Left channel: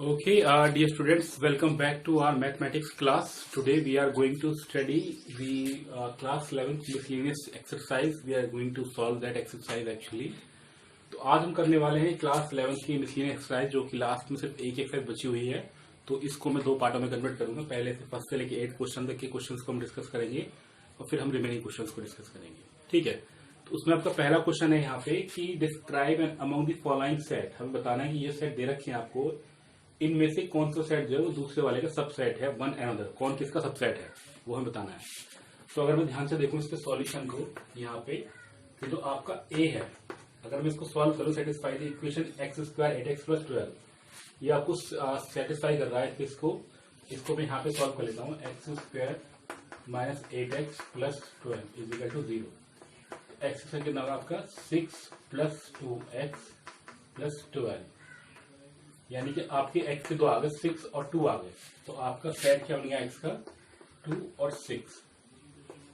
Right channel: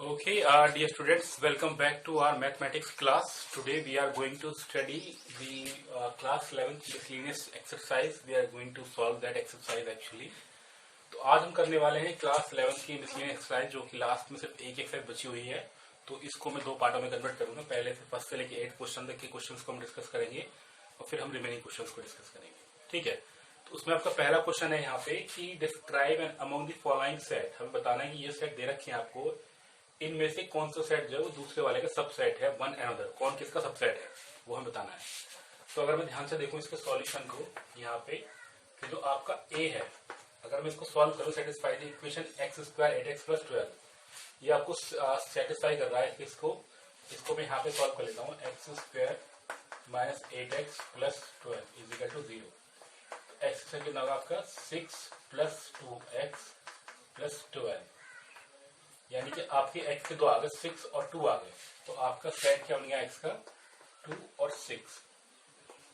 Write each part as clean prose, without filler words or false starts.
Okay, dear students, welcome back to our mathematics class. Today we are going to study the class 11th miscellaneous exercise. We are going to solve that exercise actually. तो आज हम करने वाले हैं class 11th की miscellaneous exercise जो कि last में सिर्फ एक एक्सरसाइज बची हुई है। तो इसको मैं दो पार्टों में कन्वर्ट करूंगा। पहले से फर्स्ट से लेके 8 क्वेश्चन तक के क्वेश्चंस को हम डिस्कस करेंगे और फिर हम रिमेनिंग क्वेश्चंस को डिस्कस करेंगे। ठीक है, तो उसमें आपका पहला क्वेश्चन है यहाँ पे कि describe and among the following set. हमें बताना है कि ये सेट दे रखे हैं आपको, इनमें से कौन सा सेट जो है वो दूसरे वाले का सबसेट है, वन एनदर, कौन किसका सबसेट है वो हमें बताना है। तो अगर मैं ध्यान से देखूं इसके सॉल्यूशन को यहाँ पे, कि जो आपका ए है, अगर मैं इसको सॉल्व करूं, satisfy the equation x square 8x + 12, ये आपको सेटिस्फाई कर रहा है। इसको मैं यहाँ पे सॉल्व कर लेता हूँ। X square minus 8x + 12 is equal to 0। X square कितना होगा आपका 6 + 2x + 12, यानी कि आपके x के दो आ गए, 6 और 2 आ गए। तो आपका सेट क्या बन गया x का 2 और 6,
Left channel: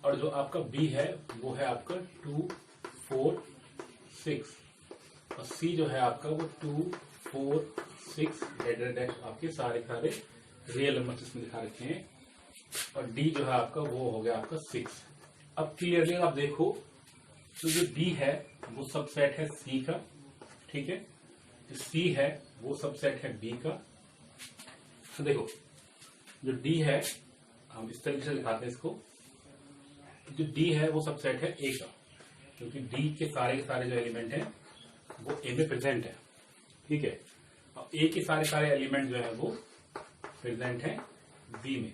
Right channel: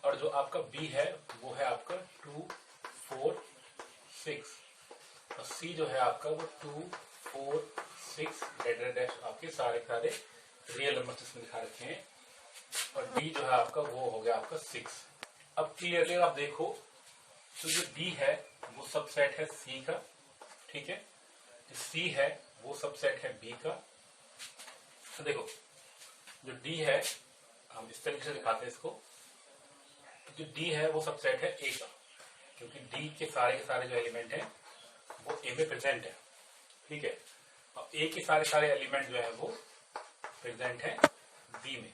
और जो आपका b है वो है आपका 2 4 6, और c जो है आपका वो 2 4 6 डैश आपके सारे रियल नंबर इसमें दिखा रखे हैं, और d जो है आपका वो हो गया आपका 6। अब क्लियरली आप देखो तो जो d है वो सबसेट है c का, ठीक है, जो c है वो सबसेट है b का। तो देखो जो d है, हम इस तरीके से दिखाते हैं इसको, जो d है वो सबसेट है a का, क्योंकि d के सारे जो एलिमेंट हैं वो a में प्रेजेंट है, ठीक है, और a के सारे एलिमेंट जो है वो प्रेजेंट है b में,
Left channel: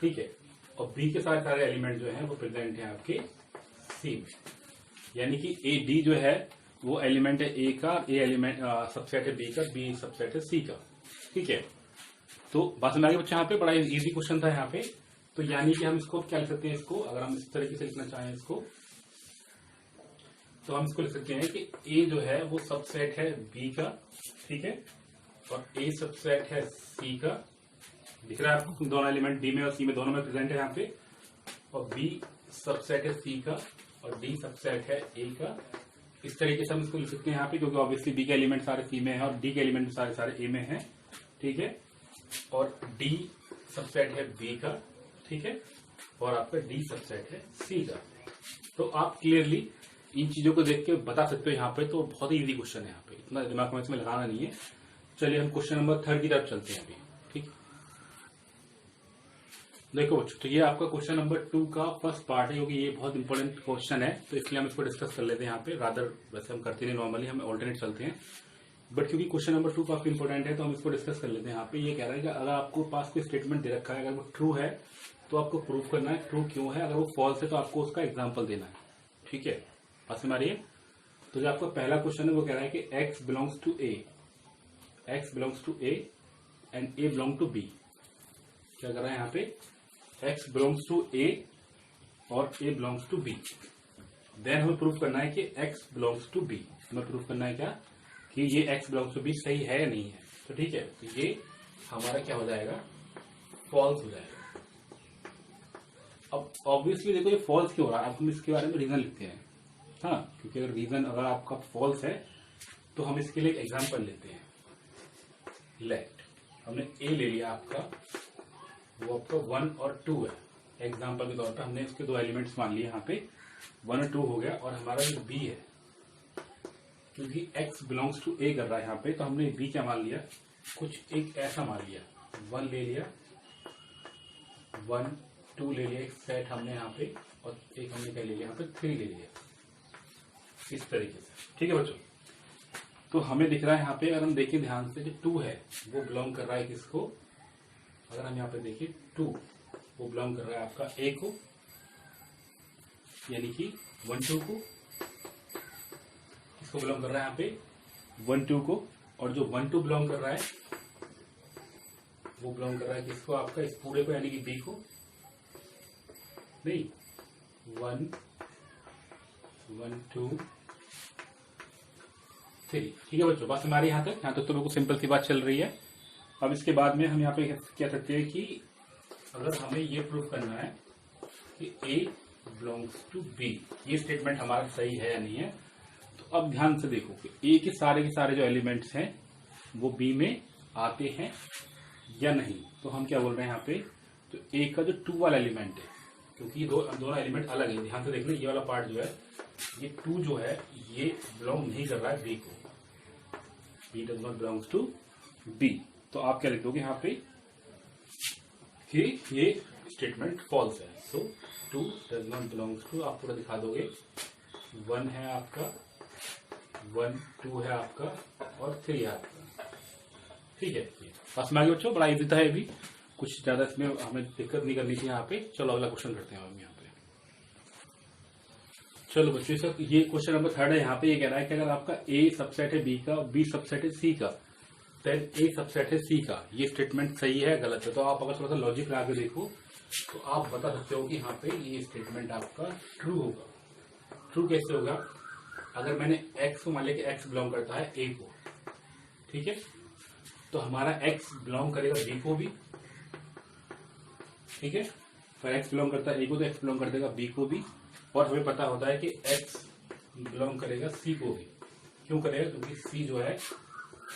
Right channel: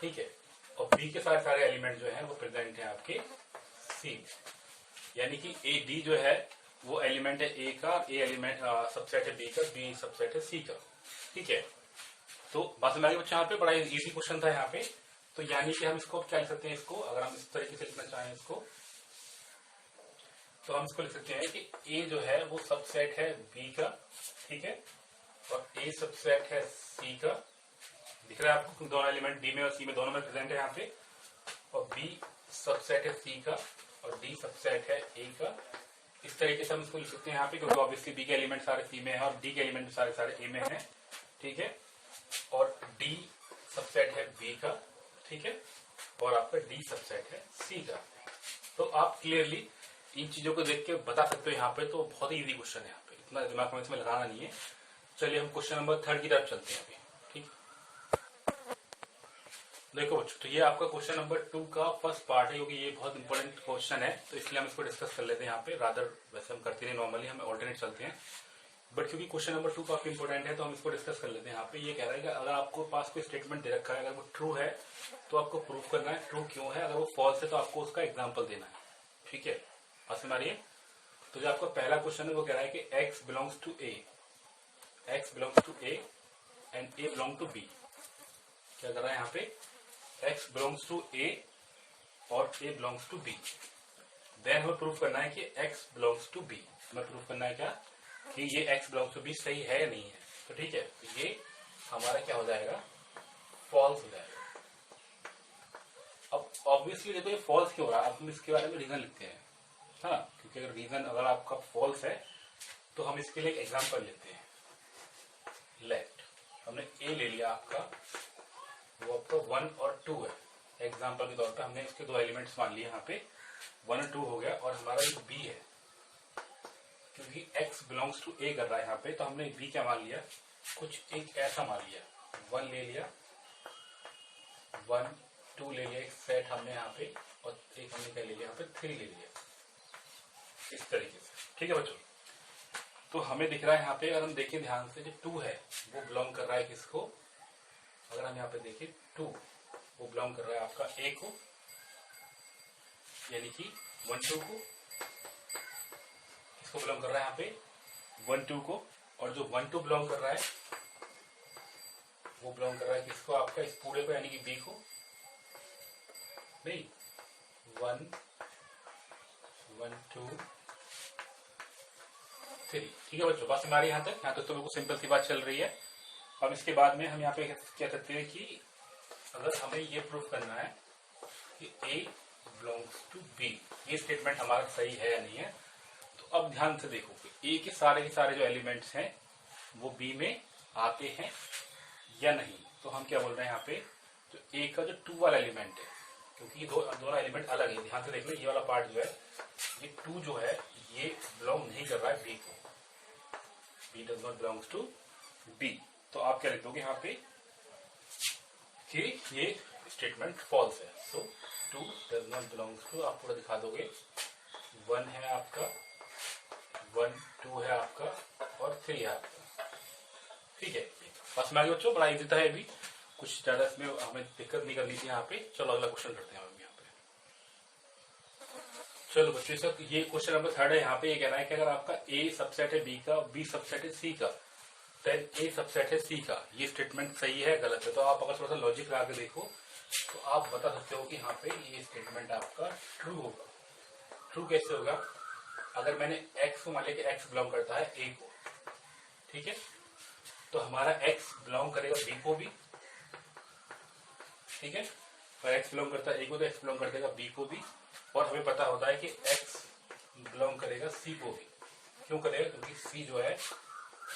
ठीक है, और b के सारे एलिमेंट जो है वो प्रेजेंट है आपके c में। यानी कि a d जो है वो एलिमेंट है a का, a एलिमेंट सबसेट है b का, b सबसेट है c का, ठीक है। तो बात समझ आ गई बच्चा, यहाँ पे बड़ा इजी क्वेश्चन था यहाँ पे। तो यानी कि हम इसको क्या लिख सकते हैं, इसको अगर हम इस तरीके से लिखना चाहें इसको, तो हम इसको लिख सकते हैं कि a जो है वो सबसेट है b का, ठीक है, और a सबसेट है c का। दिख रहा है आपको दोनों एलिमेंट d में और c में दोनों में प्रेजेंट है यहाँ पे, और b सबसेट है c का और d सबसेट है a का। इस तरीके से हम इसको लिख सकते हैं यहाँ पे, क्योंकि ऑब्वियसली b के एलिमेंट सारे c में है और d के एलिमेंट सारे a में है, ठीक है, और d सबसेट है b का, ठीक है, और आपका d सबसेट है c का। तो आप क्लियरली इन चीजों को देख के बता सकते हो यहाँ पे। तो बहुत ही इजी क्वेश्चन है यहाँ पे, इतना दिमाग में इसमें लगाना नहीं है। चलिए हम क्वेश्चन नंबर 3 की तरफ चलते हैं अभी, ठीक। देखो बच्चों, तो ये आपका क्वेश्चन नंबर 2 का फर्स्ट पार्ट है, क्योंकि ये बहुत इंपॉर्टेंट क्वेश्चन है, तो इसलिए हम इसको डिस्कस कर लेते हैं यहाँ पे। रादर वैसे हम करते हैं नॉर्मली, हम ऑल्टरनेट चलते हैं, बट क्योंकि क्वेश्चन नंबर 2 काफी इंपॉर्टेंट है तो हम इसको डिस्कस कर लेते हैं यहाँ पे। ये कह रहा है कि अगर आपको पास कोई स्टेटमेंट दे रखा है, अगर वो ट्रू है तो आपको प्रूव करना है ट्रू क्यों है, अगर वो फॉल्स है तो आपको उसका एग्जाम्पल देना है, ठीक है। बात समझ आ रही है? तो जो आपका पहला क्वेश्चन है वो कह रहा है कि x belongs to a, x belongs to a and a belong to b। क्या कर रहा है यहाँ पे, x बिलोंग्स टू a और a belongs to b। Then हमें प्रूव करना है कि x बिलोंग्स टू b। हमें प्रूव करना है क्या, कि ये x बिलोंग्स टू b सही है या नहीं है। तो ठीक है, तो ये हमारा क्या हो जाएगा, फॉल्स हो जाएगा। अब ऑब्वियसली देखो ये फॉल्स क्यों हो रहा है, अब हम इसके बारे में रीजन लिखते हैं, हाँ, क्योंकि अगर रीजन अगर आपका फॉल्स है तो हम इसके लिए एक एग्जांपल लेते हैं। लेट हमने a ले लिया आपका, वो आपका 1 और 2 है, एग्जांपल के तौर पे हमने इसके दो एलिमेंट्स मान लिए यहाँ पे, 1 और 2 हो गया, और हमारा ये b है, क्योंकि x बिलोंग्स टू a कर रहा है यहाँ पे, तो हमने b क्या मान लिया, कुछ एक ऐसा मान लिया, 1 ले लिया, 1 2 ले लिया, एक सेट हमने यहाँ पे, और एक हमने क्या ले लिया यहाँ पे 3 ले लिया, इस तरीके से, ठीक है बच्चों। तो हमें दिख रहा है यहाँ पे, अगर हम देखें ध्यान से, कि 2 है वो बिलोंग कर रहा है किसको, अगर हम यहाँ पे देखें 2 वो बिलोंग कर रहा है आपका a को, यानी कि 1 2 को, किसको बिलोंग कर रहा है यहाँ पे 1 2 को, और जो 1 2 बिलोंग कर रहा है वो बिलोंग कर रहा है किसको, आपका इस पूरे को, यानी कि b को, नहीं 1 1 2 3, ठीक है बच्चों। बात हमारी यहाँ तक तो बिल्कुल सिंपल सी बात चल रही है। अब इसके बाद में हम यहाँ पे क्या करते हैं कि अगर हमें ये प्रूफ करना है कि a बिलोंग्स टू b, ये स्टेटमेंट हमारा सही है या नहीं है, तो अब ध्यान से देखो कि a के सारे जो एलिमेंट्स हैं वो b में आते हैं या नहीं। तो हम क्या बोल रहे हैं यहाँ पे, तो ए का जो 2 वाला एलिमेंट है, क्योंकि ये दोनों एलिमेंट अलग है, ध्यान से देख लें, ये वाला पार्ट जो है, ये 2 जो है ये बिलोंग नहीं कर रहा है बी को, b does not belongs to b. तो आप क्या लिख दोगे यहाँ पे कि ये स्टेटमेंट फॉल्स है। सो 2 डज नॉट बिलोंग्स टू, आप पूरा दिखा दोगे, 1 है आपका, 1 2 है आपका और 3 है आपका। ठीक है, बस में आगे बच्चों, बड़ा इजी था ये भी, कुछ ज्यादा इसमें हमें दिक्कत नहीं करनी थी यहाँ पे। चलो अगला क्वेश्चन करते हैं हम यहाँ पे। चलो बच्चों, सर ये क्वेश्चन नंबर 3 है। यहाँ पे ये कह रहा है कि अगर आपका ए सबसेट है बी का, बी सबसेट है सी का, देन ए सबसेट है सी का, ये स्टेटमेंट सही है गलत है। तो आप अगर थोड़ा सा लॉजिक लगा के देखो तो आप बता सकते हो कि यहाँ पे ये स्टेटमेंट आपका ट्रू होगा। ट्रू कैसे होगा, अगर मैंने एक्स को मान लिया कि एक्स बिलोंग करता है ए को, ठीक है, तो हमारा एक्स बिलोंग करेगा बी को भी, ठीक है, तो एक्स बिलोंग करता है ए को तो एक्स बिलोंग कर देगा बी को भी, और हमें पता होता है कि एक्स बिलोंग करेगा सी को भी। क्यों करेगा, क्योंकि सी जो है,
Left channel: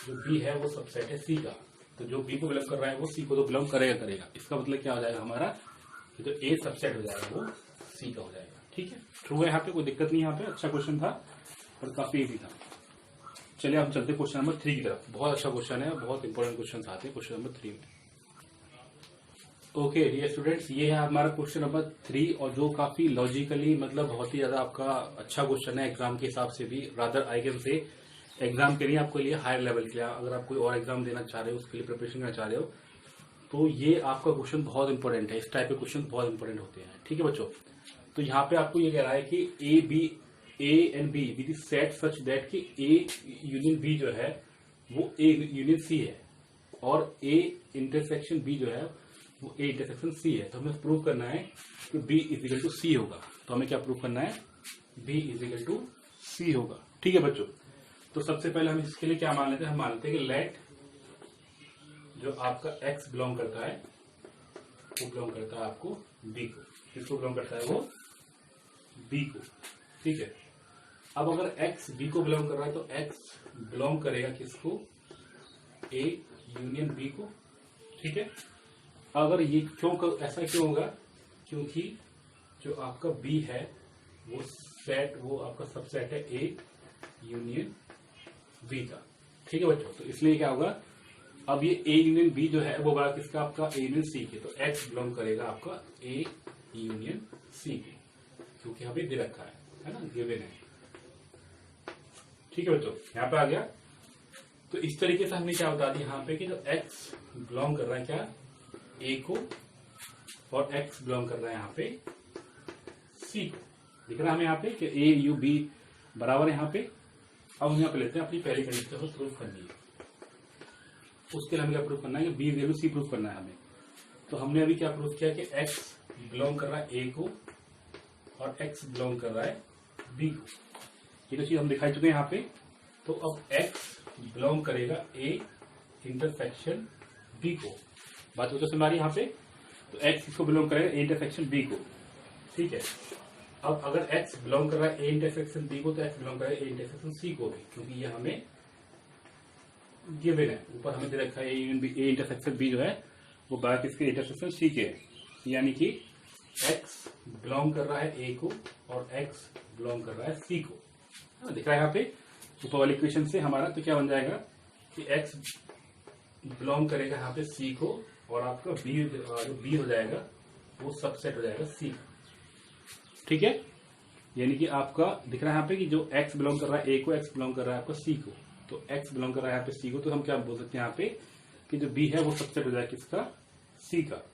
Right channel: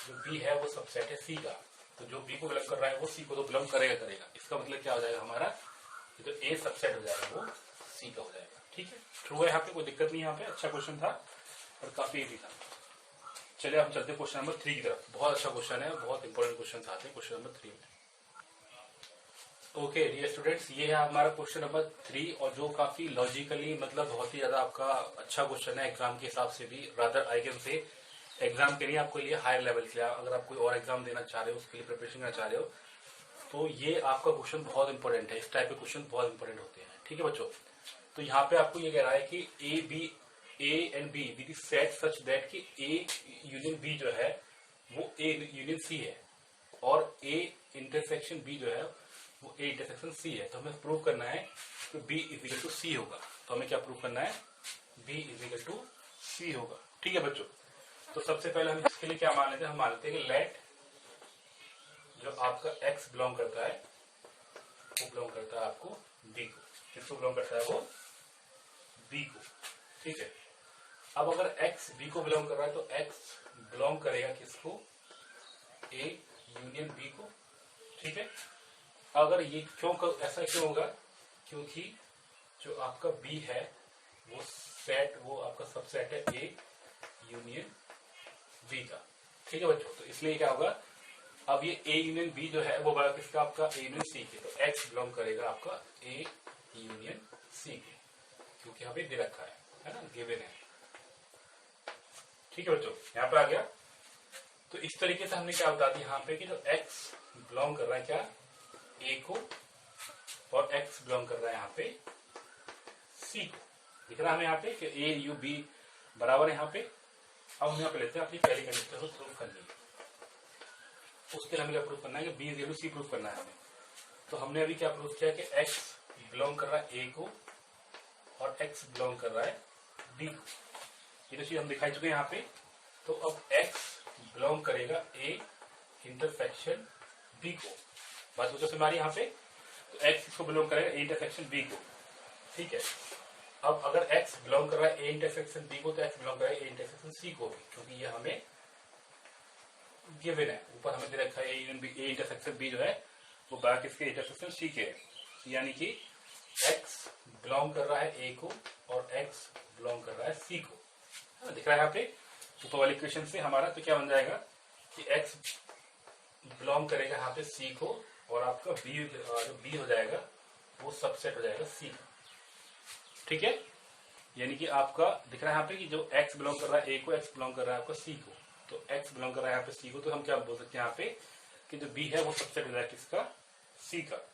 जो बी है वो सबसेट है सी का, तो जो बी को बिलोंग कर रहा है वो सी को तो बिलोंग करेगा। इसका मतलब क्या हो जाएगा हमारा, ये तो ए सबसेट हो जाएगा वो सी का हो जाएगा। ठीक है, ट्रू है, यहाँ पे कोई दिक्कत नहीं। यहाँ पे अच्छा क्वेश्चन था और काफी इजी था। चलिए हम चलते क्वेश्चन नंबर 3 की तरफ। बहुत अच्छा क्वेश्चन है, बहुत इंपॉर्टेंट क्वेश्चन आते हैं क्वेश्चन नंबर 3 में। ओके डियर स्टूडेंट्स, ये है हमारा क्वेश्चन नंबर 3, और जो काफी लॉजिकली, मतलब बहुत ही ज्यादा आपका अच्छा क्वेश्चन है एग्जाम के हिसाब से भी, rather I can say exam के लिए, आपके लिए हायर लेवल के लिए, अगर आप कोई और एग्जाम देना चाह रहे हो, उसके लिए प्रिपरेशन करना चाह रहे हो, तो ये आपका क्वेश्चन बहुत इंपॉर्टेंट है। इस टाइप के क्वेश्चन बहुत इंपॉर्टेंट होते हैं। ठीक है बच्चों, तो यहाँ पे आपको ये कह रहा है कि ए and be with set such that कि ए यूनियन बी जो है वो ए यूनियन सी है, और ए इंटरसेक्शन बी जो है वो ए इंटरसेक्शन सी है। तो हमें प्रूव करना है कि बी इज इक्वल टू सी होगा। तो हमें क्या प्रूव करना है, बी इज इक्वल टू सी होगा। ठीक है बच्चों, तो सबसे पहले हम इसके लिए क्या मान लेते हैं, हम मान लेते हैं कि लेट जो आपका एक्स बिलोंग करता है वो बिलोंग करता है आपको बी को। किसको बिलोंग करता है, वो बी को। ठीक है, अब अगर एक्स बी को बिलोंग कर रहा है तो एक्स बिलोंग करेगा किसको, ए यूनियन बी को। ठीक है, अगर ये ऐसा क्यों होगा, क्योंकि जो आपका बी है वो सेट, वो आपका सबसेट है ए यूनियन बी का। ठीक है बच्चों, तो इसलिए क्या होगा, अब ये ए यूनियन बी जो है वो बड़ा किसका, आपका ए यूनियन सी के, तो एक्स बिलोंग करेगा आपका ए यूनियन सी के, क्योंकि हमें दे रखा है ना, गिवन है। ठीक है बच्चों, यहाँ पे आ गया। तो इस तरीके से हमने क्या बता दिया यहाँ पे कि जो एक्स बिलोंग कर रहा है क्या, ए को, और एक्स बिलोंग कर रहा है यहाँ पे सी को। दिख रहा है हमें यहाँ पे कि ए यू बी बराबर है यहाँ पे। अब हम यहाँ पे लेते हैं अपनी पहली कंडीशन को प्रूव करनी है। उसके लिए हमें क्या प्रूव करना है कि बी इज सी प्रूव करना है हमें। तो हमने अभी क्या प्रूव किया कि एक्स बिलोंग कर रहा है ए को और एक्स बिलोंग कर रहा है बी को। ये तो चीज हम दिखाई चुके हैं यहाँ पे। तो अब एक्स बिलोंग करेगा ए इंटरसेक्शन बी को। बात होता है हमारी यहाँ पे, तो एक्स इसको बिलोंग करेगा ए इंटरसेक्शन बी को। ठीक है, अब अगर एक्स बिलोंग कर रहा है ए इंटरसेक्शन बी को तो एक्स बिलोंग करेगा ए इंटरसेक्शन सी को भी, क्योंकि ये हमें गिवन है, ऊपर हमें दे रखा है ए इंटरसेक्शन बी जो है वो बाकी इसके इंटरसेक्शन सी के है। यानी कि एक्स बिलोंग कर रहा है ए को और एक्स बिलोंग कर रहा है सी को। दिख रहा है यहाँ पे ऊपर वाली इक्वेशन से हमारा, तो क्या बन जाएगा कि एक्स बिलोंग करेगा यहाँ पे सी को, और आपका बी जो बी हो जाएगा वो सबसेट हो जाएगा सी का। ठीक है, यानी कि आपका दिख रहा है यहाँ पे कि जो एक्स बिलोंग कर रहा है ए को, एक्स बिलोंग कर रहा है आपका सी को, तो एक्स बिलोंग कर रहा है यहाँ पे सी को, तो हम क्या बोल सकते हैं यहाँ पे कि जो बी है वो सबसेट हो जाएगा किसका, सी का।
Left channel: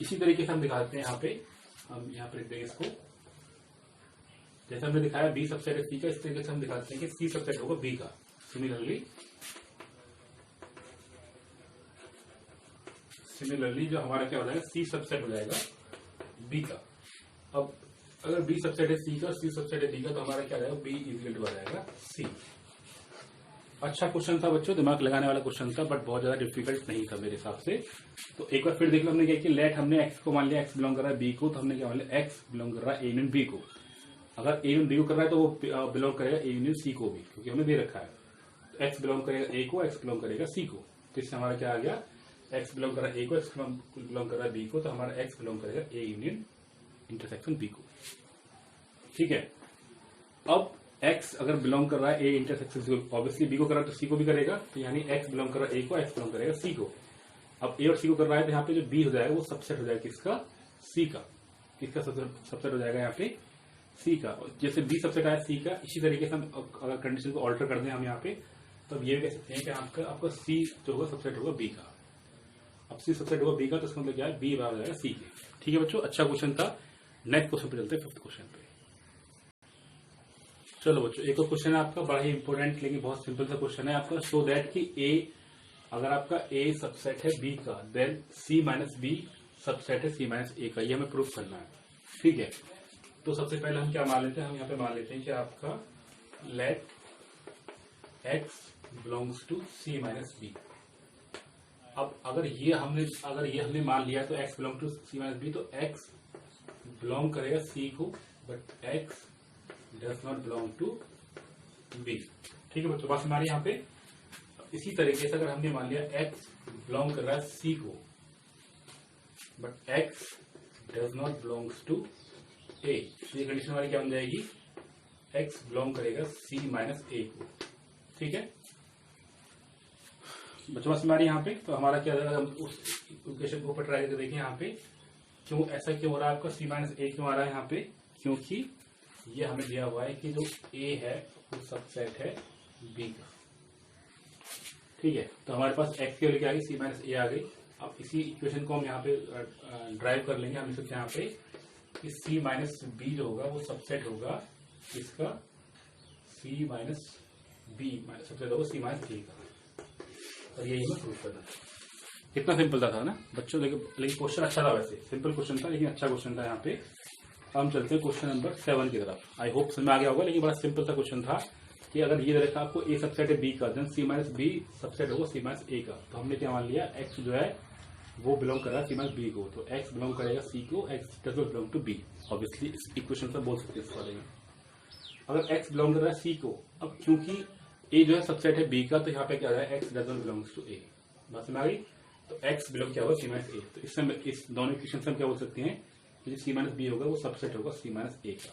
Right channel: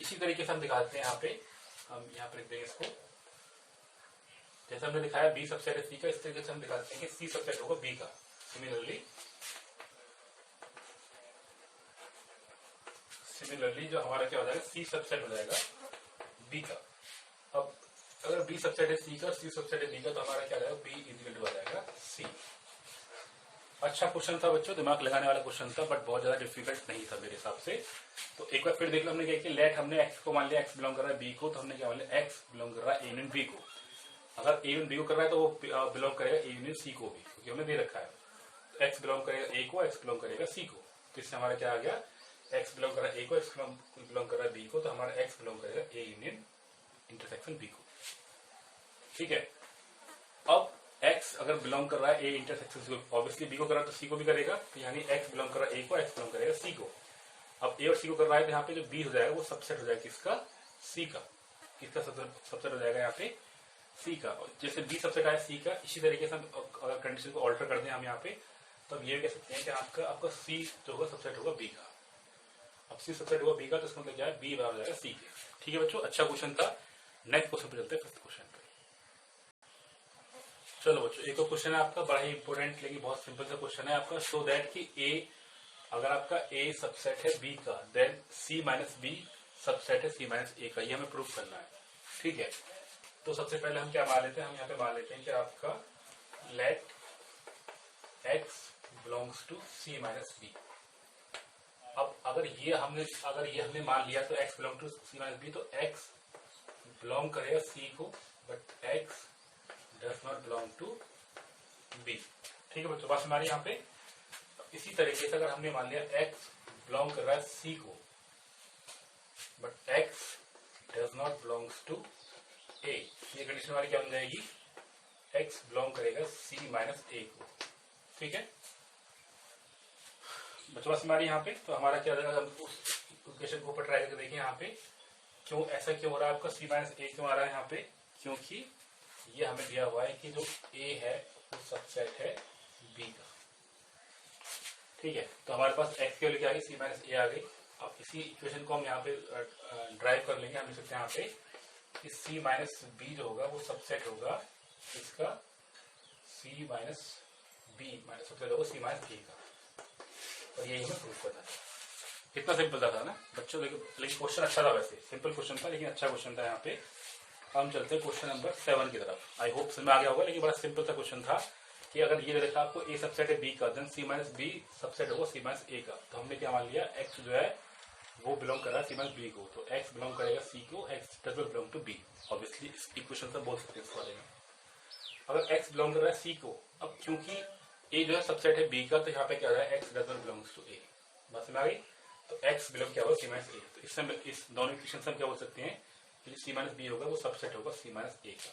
इसी तरीके से हम दिखाते हैं यहाँ पे, हम यहाँ पे लिख देंगे इसको, जैसे हमने दिखाया बी सबसेट है सी का, इस तरीके से हम दिखाते हैं कि सी सबसेट होगा बी का। सिमिलरली जो हमारा क्या हो जाएगा, सी सबसेट हो जाएगा बी का। अब अगर बी सबसेट है सी का, सी सबसेट है बी का, तो हमारा क्या हो जाएगा, बी इक्वल टू आ जाएगा सी। अच्छा क्वेश्चन था बच्चों, दिमाग लगाने वाला क्वेश्चन था, बट बहुत ज्यादा डिफिकल्ट नहीं था मेरे हिसाब से। तो एक बार फिर देख लो, हमने क्या किया, लेट हमने एक्स को मान लिया एक्स बिलोंग कर रहा है बी को, तो हमने क्या मान लिया एक्स बिलोंग कर रहा है ए यूनियन बी को। अगर ए यूनियन बी को कर रहा है तो वो बिलोंग करेगा ए यूनियन सी को भी, क्योंकि हमें दे रखा है। एक्स बिलोंग करेगा ए को, एक्स बिलोंग करेगा सी को। जिससे हमारा क्या आ गया, x बिलोंग कर रहा है ए को, x बिलोंग कर रहा है बी को, तो हमारा x बिलोंग करेगा ए यूनियन इंटरसेक्शन बी को। ठीक है, अब x अगर बिलोंग कर रहा है ए इंटरसेक्शन सी को, ऑब्वियसली बी को कर रहा है तो सी को भी करेगा, तो यानी x बिलोंग कर रहा है ए को, x बिलोंग करेगा सी को। अब ए और सी को कर रहा है तो यहाँ पे जो बी हो जाएगा वो सबसेट हो जाएगा किसका, सी का। किसका सबसेट हो जाएगा यहाँ पे, सी का। जैसे बी सबसेट आया सी का, इसी तरीके से हम अगर कंडीशन को ऑल्टर कर दें हम यहाँ पे, तो अब ये कह सकते हैं कि आपका सी जो होगा सबसेट होगा बी का। अब सी सबसेट होगा बी का, तो इसका मतलब क्या है, बी बराबर हो जाएगा सी के। ठीक है बच्चों, अच्छा क्वेश्चन था। नेक्स्ट क्वेश्चन पे चलते हैं, फिफ्थ क्वेश्चन पे। चलो बच्चों, एक और क्वेश्चन है आपका, बड़ा ही इंपॉर्टेंट लेकिन बहुत सिंपल सा क्वेश्चन है आपका। शो दैट कि ए, अगर आपका ए सबसेट है बी का, देन सी माइनस बी सबसेट है सी माइनस ए का। ये हमें प्रूफ करना है। ठीक है, तो सबसे पहले हम क्या मान लेते हैं, हम यहाँ पे मान लेते हैं कि आपका let x belongs to c minus b. अब अगर ये हमने मान लिया तो x belong to c minus b, तो x बिलोंग करेगा c को, but x does not belong to b। ठीक है बच्चों, बात हमारी यहाँ पे। इसी तरीके से अगर हमने मान लिया x बिलोंग कर रहा है c को, but x does not belongs to a, ये कंडीशन हमारी क्या बन जाएगी, x बिलोंग करेगा c माइनस a को। ठीक है बच्चों, बस हमारी यहाँ पे, तो हमारा क्या रहेगा, हम उस इक्वेशन को ऊपर ट्राई करके देखें यहाँ पे क्यों ऐसा क्यों हो रहा है, आपका c माइनस a क्यों आ रहा है यहाँ पे, क्योंकि ये हमें दिया हुआ है कि जो a है वो सबसेट है b का। ठीक है, तो हमारे पास x की वैल्यू क्या आ गई, c माइनस a आ गई। अब इसी इक्वेशन को हम यहाँ पे ड्राइव कर लेंगे। हम लिख सकते हैं यहाँ पे कि c माइनस बी जो होगा वो सबसेट होगा इसका, c माइनस बी सबसेट होगा c माइनस a का। और यही हमें प्रूफ करना है। कितना सिंपल था ना बच्चों, लेकिन क्वेश्चन अच्छा था, वैसे सिंपल क्वेश्चन था लेकिन अच्छा क्वेश्चन था यहाँ पे। हम चलते हैं क्वेश्चन नंबर 7 की तरफ। आई होप समझ में आ गया होगा, लेकिन बड़ा सिंपल सा क्वेश्चन था कि अगर ये देखा आपको ए सबसेट है बी का, देन सी माइनस बी सबसेट होगा सी माइनस ए का। तो हमने क्या मान लिया, एक्स जो है वो बिलोंग कर रहा है सी माइनस बी को, तो एक्स बिलोंग करेगा सी को, x does not belong to B. Obviously इस इक्वेशन से बोल सकते हैं इस वाले में। अगर एक्स बिलोंग कर रहा है सी को, अब क्योंकि ए जो है सबसेट है बी का, तो यहाँ पे क्या हो रहा है, X does not belongs to A. बात समझ आ गई, तो एक्स बिलोंग क्या होगा, सी माइनस ए। तो इससे इस दोनों इक्वेशन से हम क्या बोल सकते हैं कि जो सी माइनस बी होगा वो सबसेट होगा सी माइनस ए का,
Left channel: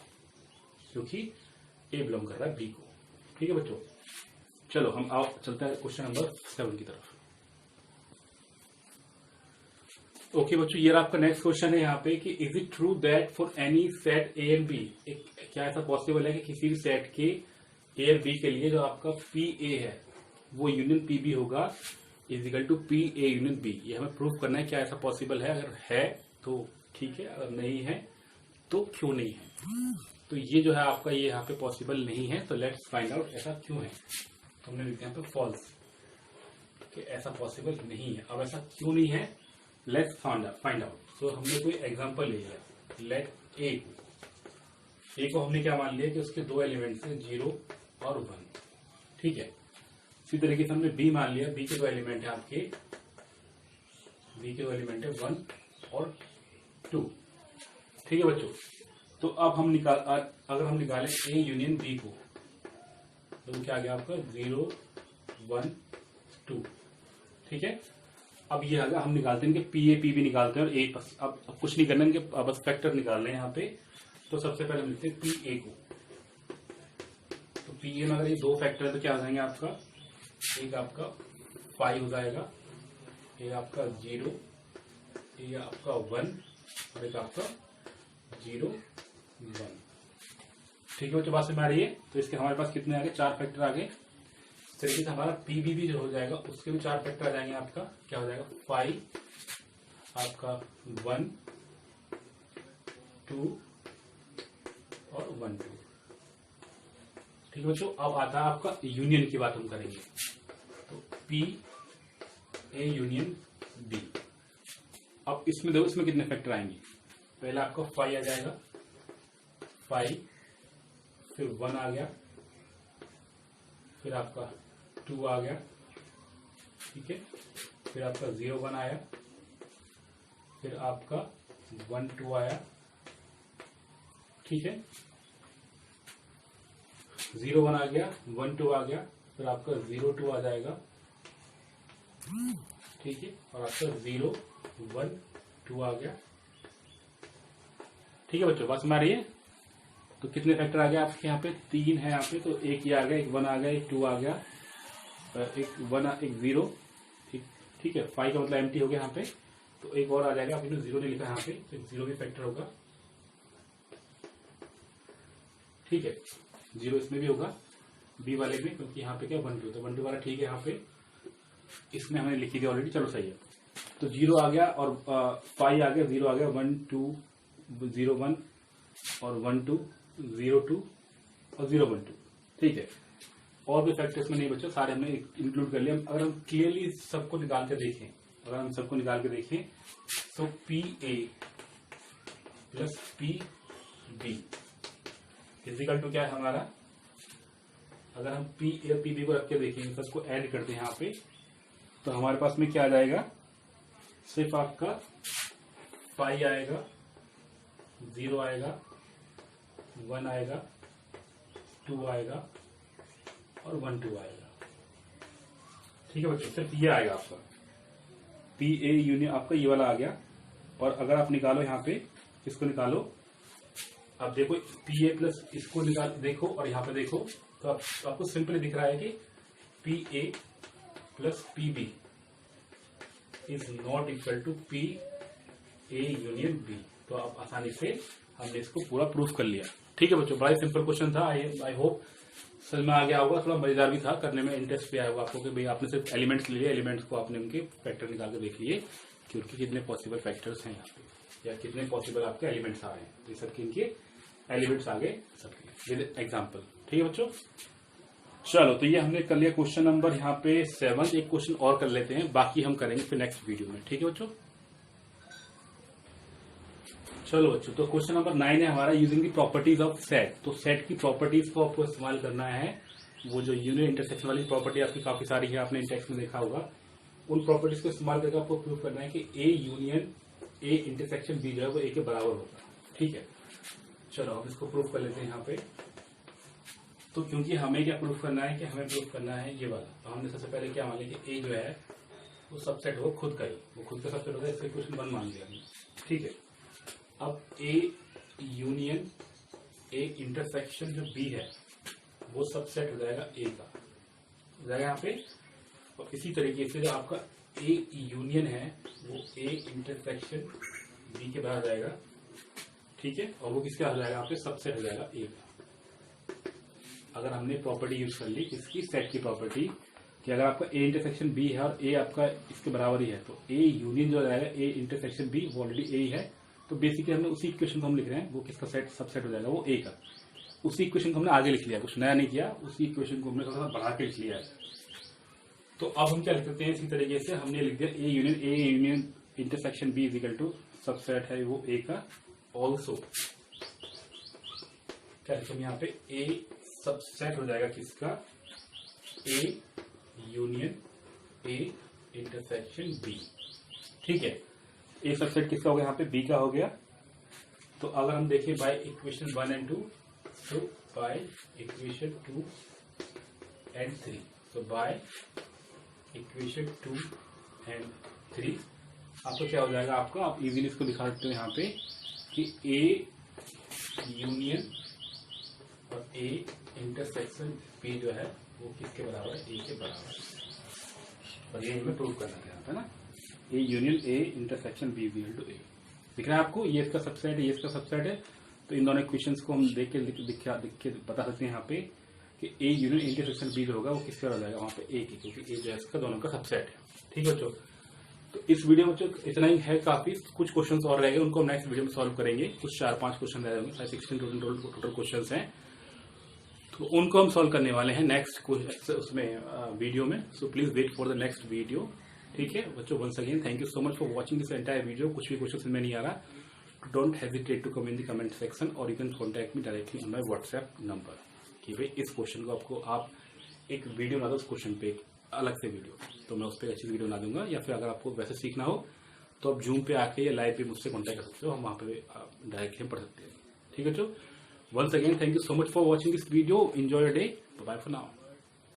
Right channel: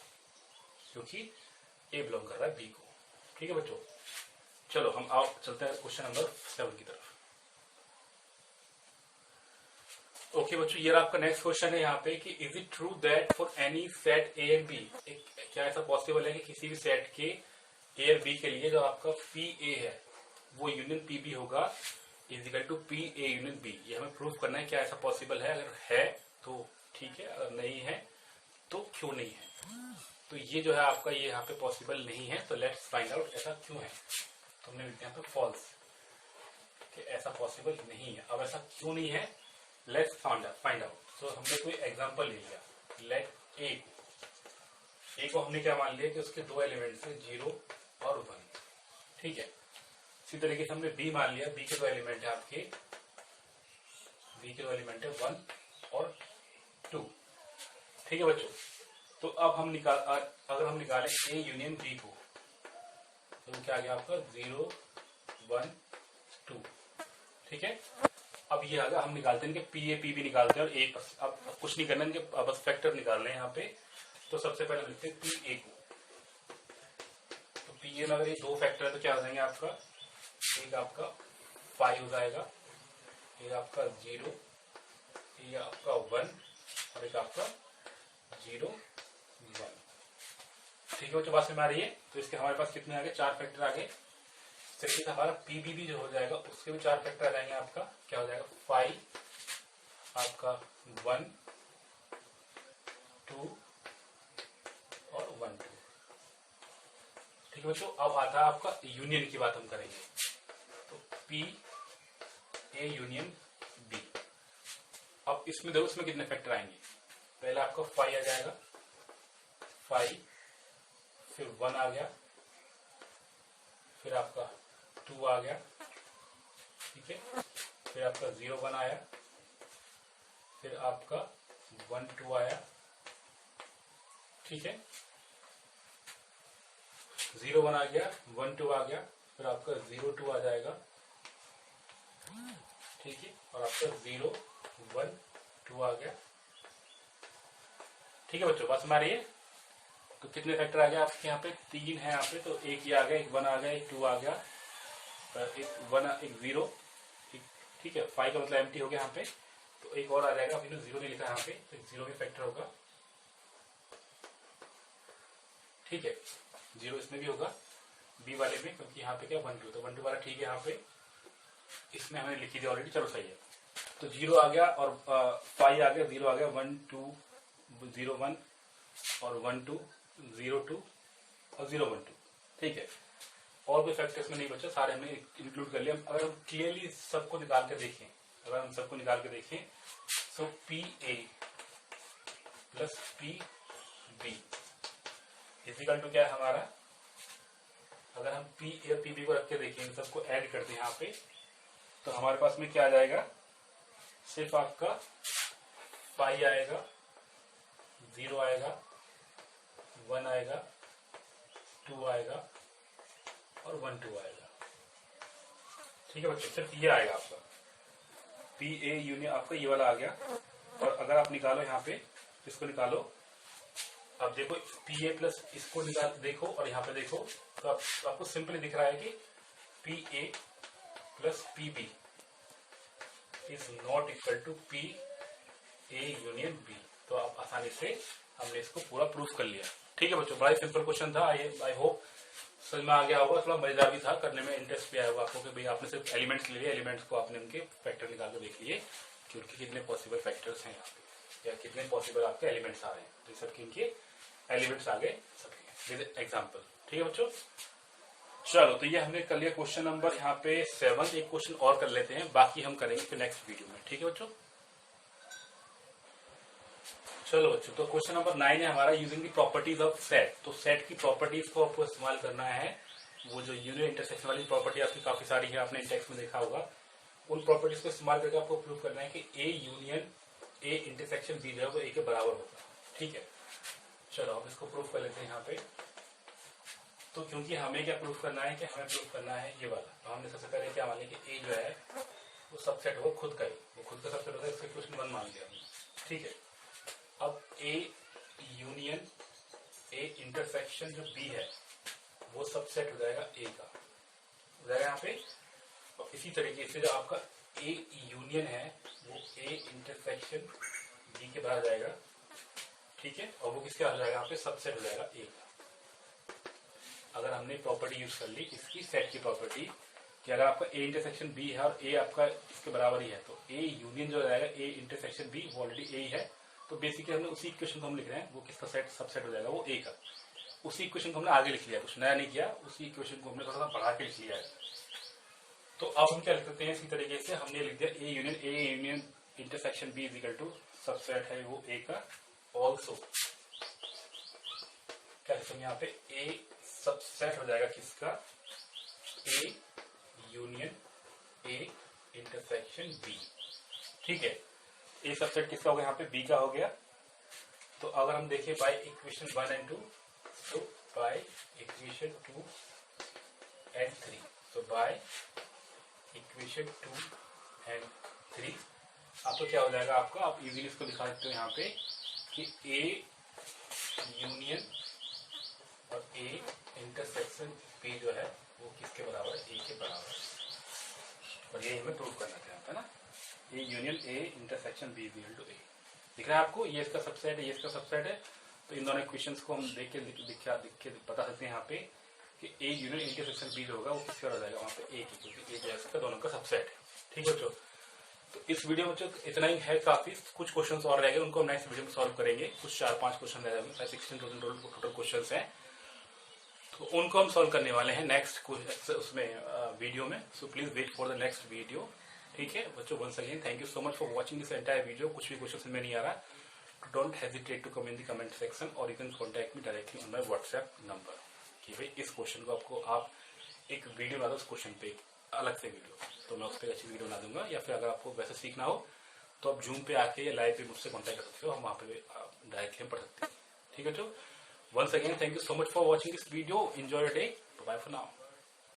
क्योंकि ए बिलोंग कर रहा है बी को। ठीक है बच्चों, चलो हम आओ चलते हैं क्वेश्चन नंबर 7 की तरफ। ओके बच्चों, ये आपका नेक्स्ट क्वेश्चन है यहाँ पे कि is it true that for any set a and b, क्या ऐसा पॉसिबल है कि किसी भी सेट के ए और बी के लिए जो आपका पी ए है वो यूनियन पी बी होगा is equal to p a union b. ये हमें प्रूफ करना है, क्या ऐसा पॉसिबल है। अगर है तो ठीक है, अगर नहीं है तो क्यों नहीं है। तो ये जो है आपका ये यहाँ पे पॉसिबल नहीं है, तो लेट्स फाइंड आउट ऐसा क्यों है। तो हमने लिखते हैं यहाँ पे फॉल्स, कि ऐसा पॉसिबल नहीं है। अब ऐसा क्यों नहीं है, लेट्स फाइंड आउट। तो हमने कोई एग्जांपल ले लिया, लेट ए को हमने क्या मान लिया कि उसके दो एलिमेंट्स हैं 0 और 1। ठीक है, इसी तरीके से हमने बी मान लिया, बी के दो एलिमेंट है आपके, बी के दो एलिमेंट है 1 और 2। ठीक है बच्चों, तो अब हम अगर हम निकालें ए यूनियन बी को, तो क्या आ गया आपका 0 1 2। ठीक है, अब ये आगे हम निकालते हैं कि पी ए पी बी निकालते हैं और ए, अब कुछ नहीं करना है, बस फैक्टर निकाल रहे हैं यहाँ पे। तो सबसे पहले हम लिखते हैं पी ए को। तो पी ए में अगर ये दो फैक्टर है तो क्या हो जाएंगे आपका, एक आपका 5 हो जाएगा, एक आपका 0, एक आपका 1 और एक आपका 0 1। ठीक है बच्चों, बात समझ में आ रही है। तो इसके हमारे पास कितने आ गए, 4 फैक्टर आ गए। इस तरीके से हमारा पीबी भी जो हो जाएगा उसके भी 4 फैक्टर आ जाएंगे। आपका क्या हो जाएगा, 5 आपका 1 2 और 1 2। ठीक है बच्चों, अब आता है आपका यूनियन की बात हम करेंगे। तो पी ए यूनियन बी, अब इसमें देखो इसमें कितने फैक्टर आएंगे। पहले आपका 5 आ जाएगा, 5 फिर 1 आ गया, फिर आपका 2 आ गया। ठीक है, फिर आपका 0 1 आया, फिर आपका 1 2 आया। ठीक है, 0 1 आ गया, 1 2 आ गया, फिर आपका 0 2 आ जाएगा, ठीक है, और आपका 0 1 2 आ गया। ठीक है बच्चों, बात समझ रही है? तो कितने फैक्टर आ गया आपके यहाँ पे? 3 है यहाँ पे, तो एक ये आ गया, एक 1 आ गया, एक 2 आ गया, एक 1 एक 0, एक, ठीक है। 5 का मतलब एम्प्टी हो गया यहाँ पे, तो एक और आ जाएगा। आपने 0 नहीं लिखा यहाँ पे, तो 0 भी फैक्टर होगा, ठीक है। 0 इसमें भी होगा, बी वाले में, क्योंकि यहाँ पे क्या 1 2, तो 1 2 वाला ठीक है। यहाँ पे इसमें हमने लिखी थी ऑलरेडी, चलो सही है। तो 0 आ गया और 5 आ गया, 0 आ गया, 1 2 0 1 और 1 2 0 2 और 0 1 2, ठीक है। और भी फैक्टर्स में नहीं बच्चे, सारे हमने इंक्लूड कर लिया। अगर हम क्लियरली सबको निकाल के देखें, अगर हम सबको निकाल के देखें, तो p a plus p b is equal to क्या है हमारा? अगर हम पी ए और पी बी को रख के देखें, इन सबको ऐड करते हैं यहाँ पे, तो हमारे पास में क्या आ जाएगा? सिर्फ आपका 5 आएगा, 0 आएगा, 1 आएगा, 2 आएगा और 1 2 आएगा, ठीक है बच्चों। सिर्फ ये आएगा आपका पी ए यूनियन, आपका ये वाला आ गया। और अगर आप निकालो यहाँ पे, इसको निकालो, अब देखो पी ए प्लस इसको निकाल देखो और यहाँ पे देखो, तो आपको सिंपली दिख रहा है कि p a plus p b is not equal to p a union b. तो आप आसानी से हमने इसको पूरा प्रूफ कर लिया, ठीक है बच्चों। बड़ा ही सिंपल क्वेश्चन था, आई होप समझ में आ गया होगा। थोड़ा मजेदार भी था, करने में इंटरेस्ट भी आया होगा आपको कि भाई आपने सिर्फ एलिमेंट्स लिए, एलिमेंट्स को आपने उनके फैक्टर निकाल के देख लिए कि उनके कितने पॉसिबल फैक्टर्स हैं यहाँ पे, या कितने पॉसिबल आपके एलिमेंट्स आ रहे हैं। तो सबके इनके एलिमेंट्स आ गए सबके विद एग्जाम्पल, ठीक है बच्चों। चलो, तो ये हमने कर लिया क्वेश्चन नंबर यहाँ पे 7। एक क्वेश्चन और कर लेते हैं, बाकी हम करेंगे फिर नेक्स्ट वीडियो में, ठीक है बच्चों। चलो बच्चों, तो क्वेश्चन नंबर 9 है हमारा, using the properties of set. तो सेट की प्रॉपर्टीज को आपको इस्तेमाल करना है। वो जो यूनियन इंटरसेक्शन वाली प्रॉपर्टी आपकी काफी सारी है, आपने टेक्स्ट में देखा होगा। उन प्रॉपर्टीज को इस्तेमाल करके आपको प्रूव करना है कि a union A intersection b जो है वो ए के बराबर होगा, ठीक है। चलो हम इसको प्रूव कर लेते हैं यहाँ पे। तो क्योंकि हमें क्या प्रूफ करना है कि हमें प्रूफ करना है ये वाला, तो हमने सबसे पहले क्या मान लिया कि ए जो है वो सबसेट हो खुद का ही, वो खुद का सबसेट होता है, इसका क्वेश्चन 1 मान लिया हमने, ठीक है। अब ए यूनियन ए इंटरसेक्शन जो बी है वो सबसेट हो जाएगा ए का, हो जाएगा यहाँ पे। और इसी तरीके से जो आपका ए यूनियन है वो ए इंटरसेक्शन बी के बाहर जाएगा, ठीक है। और वो किसके हो जाएगा? यहाँ पे सबसेट हो जाएगा ए का। अगर हमने प्रॉपर्टी यूज कर ली इसकी, सेट की प्रॉपर्टी, कि अगर आपका ए इंटरसेक्शन बी है और ए आपका इसके बराबर ही है, तो ए यूनियन जो जाएगा ए इंटरसेक्शन बी वो ऑलरेडी ए ही है। तो बेसिकली हमने उसी इक्वेशन को हम लिख रहे हैं, वो किसका सेट सबसेट हो जाएगा? वो ए का। उसी इक्वेशन को हमने आगे लिख लिया, कुछ नया नहीं किया, उसी इक्वेशन को हमने थोड़ा सा बढ़ा के लिख लिया है। तो अब हम क्या लिख सकते हैं? इसी तरीके से हमने लिख दिया a union intersection b is equal to subset है वो ए का। ऑल्सो क्या लिखेंगे यहाँ पे? ए सबसेट हो जाएगा किसका? A union A intersection b, ठीक है। ए सबसेट किसका हो गया? यहाँ पे बी का हो गया। तो अगर हम देखें बाय इक्वेशन 1 एंड 2, तो बाय इक्वेशन 2 एंड 3, तो बाय इक्वेशन 2 एंड 3 आपको क्या हो जाएगा? आपका आप इजीली इसको दिखा सकते हो यहाँ पे कि ए यूनियन और ए इंटरसेक्शन बी जो है वो किसके बराबर है? ए के बराबर है। और ये हमें प्रूव करना चाहता है ना, A union A intersection B equal to A. दिख रहा है आपको? ये इसका सबसेट है, ये इसका सबसेट है। तो इन दोनों इक्वेशंस को हम देख के बता सकते हैं यहाँ पे कि ए यूनियन इंटरसेक्शन बी जो होगा वो किसके हो जाएगा? वहाँ पे ए की, क्योंकि ए जो है इसका दोनों का सबसेट है, ठीक है बच्चों। तो इस वीडियो में इतना ही है काफी। कुछ क्वेश्चंस और रह गए, उनको हम नेक्स्ट वीडियो में सॉल्व करेंगे। कुछ 4-5 क्वेश्चन रह गए, 16 टोटल क्वेश्चंस हैं, तो उनको हम सॉल्व करने वाले हैं नेक्स्ट उसमें वीडियो में। So please wait for the next video, ठीक है बच्चों। Once again thank you so much for watching this entire video. कुछ भी क्वेश्चन में नहीं आ रहा, don't hesitate to come in the comment section, और you can contact me directly on my WhatsApp number कि भाई इस क्वेश्चन को आपको आप एक वीडियो बना दो उस क्वेश्चन पे, अलग से वीडियो, तो मैं उस पर अच्छी वीडियो बना दूंगा। या फिर अगर आपको वैसे सीखना हो तो आप जूम पे आके या लाइव पे मुझसे कॉन्टैक्ट कर सकते हो, हम वहाँ पे डायरेक्टली पढ़ सकते हैं, ठीक है बच्चों। Once again, thank you so much for watching this video. Enjoy your day. Bye-bye for now.